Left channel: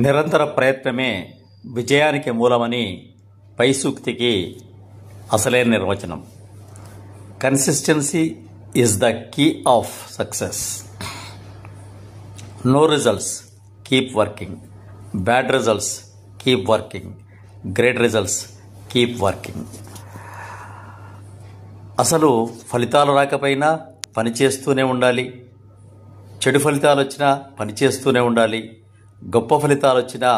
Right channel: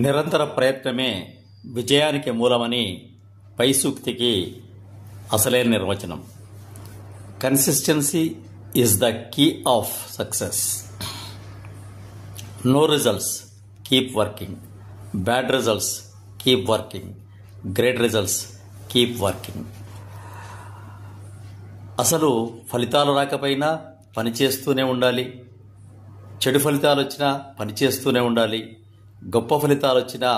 నిరంతర ప్రయత్నమే విజయానికి మూలమని పై సూక్తికి అసలైన నిర్వచనం. Consistency is the key of success. No results, keep working. Bad results, keep working. Great results, keep working. అసలు ఫలితాలు రాకపోయినా పనిచేస్తూనే ఉండాలి. చెడు ఫలితాలు వచ్చినా పనిచేస్తూనే ఉండాలి. గొప్ప ఫలితాలు వచ్చినా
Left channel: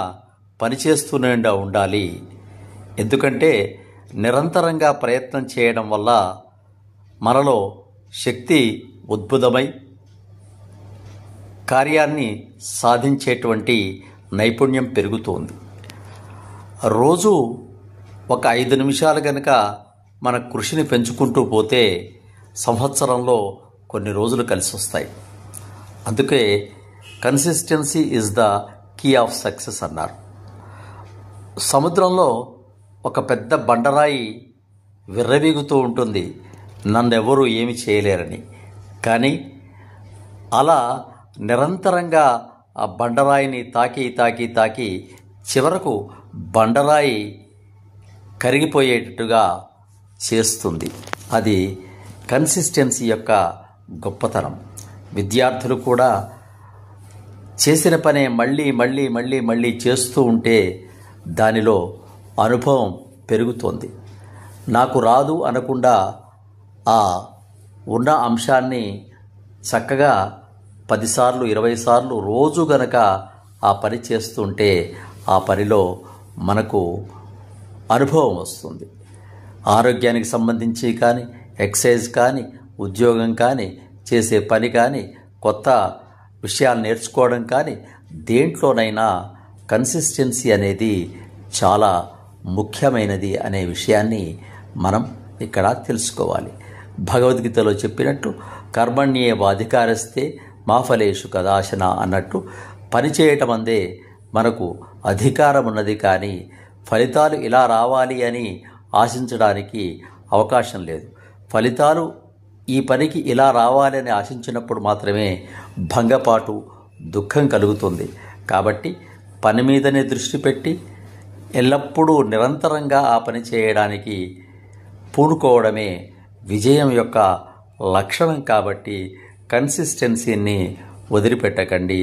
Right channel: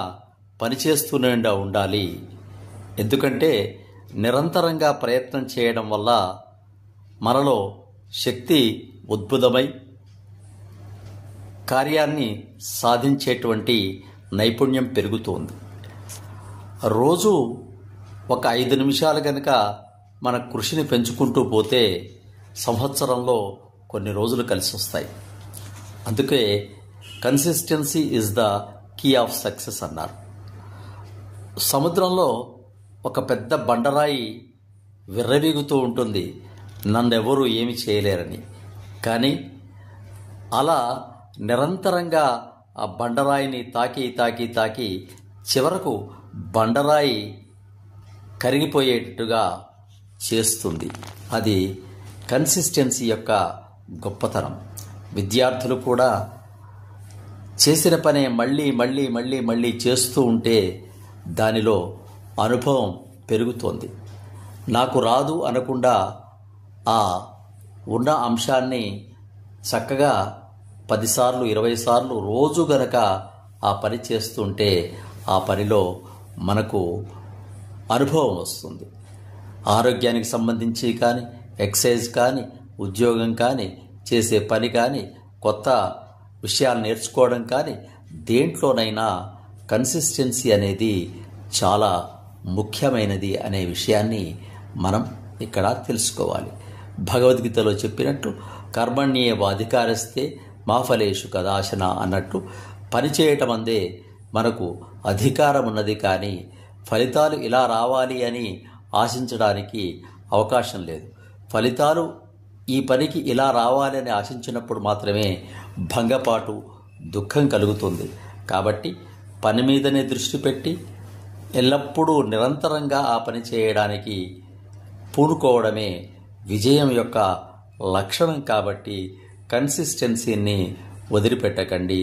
పనిచేస్తూనే ఉండాలి. ఎందుకంటే నిరంతరంగా ప్రయత్నం చేయడం వల్ల మనలో శక్తి ఉద్భుతమై కార్యాన్ని సాధించేటువంటి నైపుణ్యం పెరుగుతోంది. రోజు ఒక 5 నిమిషాలు గనక మన కృషిని పెంచుకుంటూ పోతే సంవత్సరంలో కొన్ని రోజులు కలిసి వస్తాయి. అందుకే consistency is the key of success అన్నారు. సముద్రంలో ఒక పెద్ద బండరాయి విర్రవీగుతూ ఉంటుంది, నన్నెవరూ ఏమి చేయలేరని. కానీ అలా నిరంతరంగా ఆ బండరాయిని తాకి చివరకు బండరాయి కరిగిపోయేటట్టుగా చేస్తుంది. అది కన్సిస్టెన్సీ యొక్క గొప్పతనం. విద్యార్థులు కూడా చేసిన పనే మళ్ళీ చేస్తూ ఉంటే దానిలో అనుభవం పెరుగుతోంది. నాకు రాదు అనకుండా ఆ ఉన్న అంశాన్ని చక్కగా 10 సార్లు 20 సార్లు రోజు గనక ఆ పని చేస్తుంటే ఆ పనిలో మనకు అనుభవం వస్తుంది. ఆరోగ్యానికి సంబంధించి కానీ, ఎక్సర్సైజ్ కానీ, ఉద్యోగం కానీ, చేసే పని కానీ, కొత్త విషయాలు నేర్చుకోవడం కానీ, దేంట్లోనైనా కన్సిస్టెన్సీ అనేది చాలా ముఖ్యమైనది అనే విషయాన్ని మనం ఇక్కడ తెలుసుకోవాలి. భగవద్గీతలో చెప్పినట్టు కర్మణ్యేవాధికారస్తే మా ఫలేషు కదాశన అన్నట్టు పనిచేయటం అందే మనకు అధికారం ఉన్నది. కానీ ఫలితాలు ఇలా రావాలి అని ఆశించడానికి అవకాశం లేదు. ఫలితాలు ఈ పనికి ఇలా రావాలని ఆశించినప్పుడు మాత్రమే భంగపాటు, దుఃఖం కలుగుతుంది. కాబట్టి పని మీదనే దృష్టి పెట్టి ఎల్లప్పుడూ నిరంతరంగా ఆ పని చేయడానికి పూనుకోవడమే విజయం యొక్క లక్షణం. కాబట్టి కన్సిస్టెన్సీని వదిలిపెట్టకండి,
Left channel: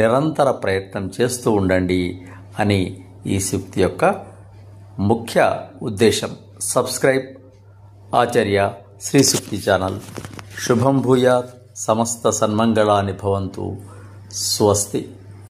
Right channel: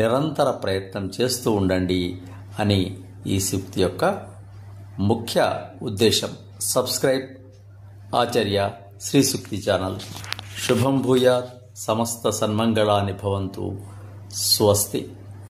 నిరంతర ప్రయత్నం చేస్తూ ఉండండి అని ఈ సూక్తి యొక్క ముఖ్య ఉద్దేశం. సబ్స్క్రైబ్ ఆచార్య శ్రీ సూక్తి ఛానల్. శుభం భూయాత్. సమస్త సన్మంగళాని భవంతు. స్వస్తి.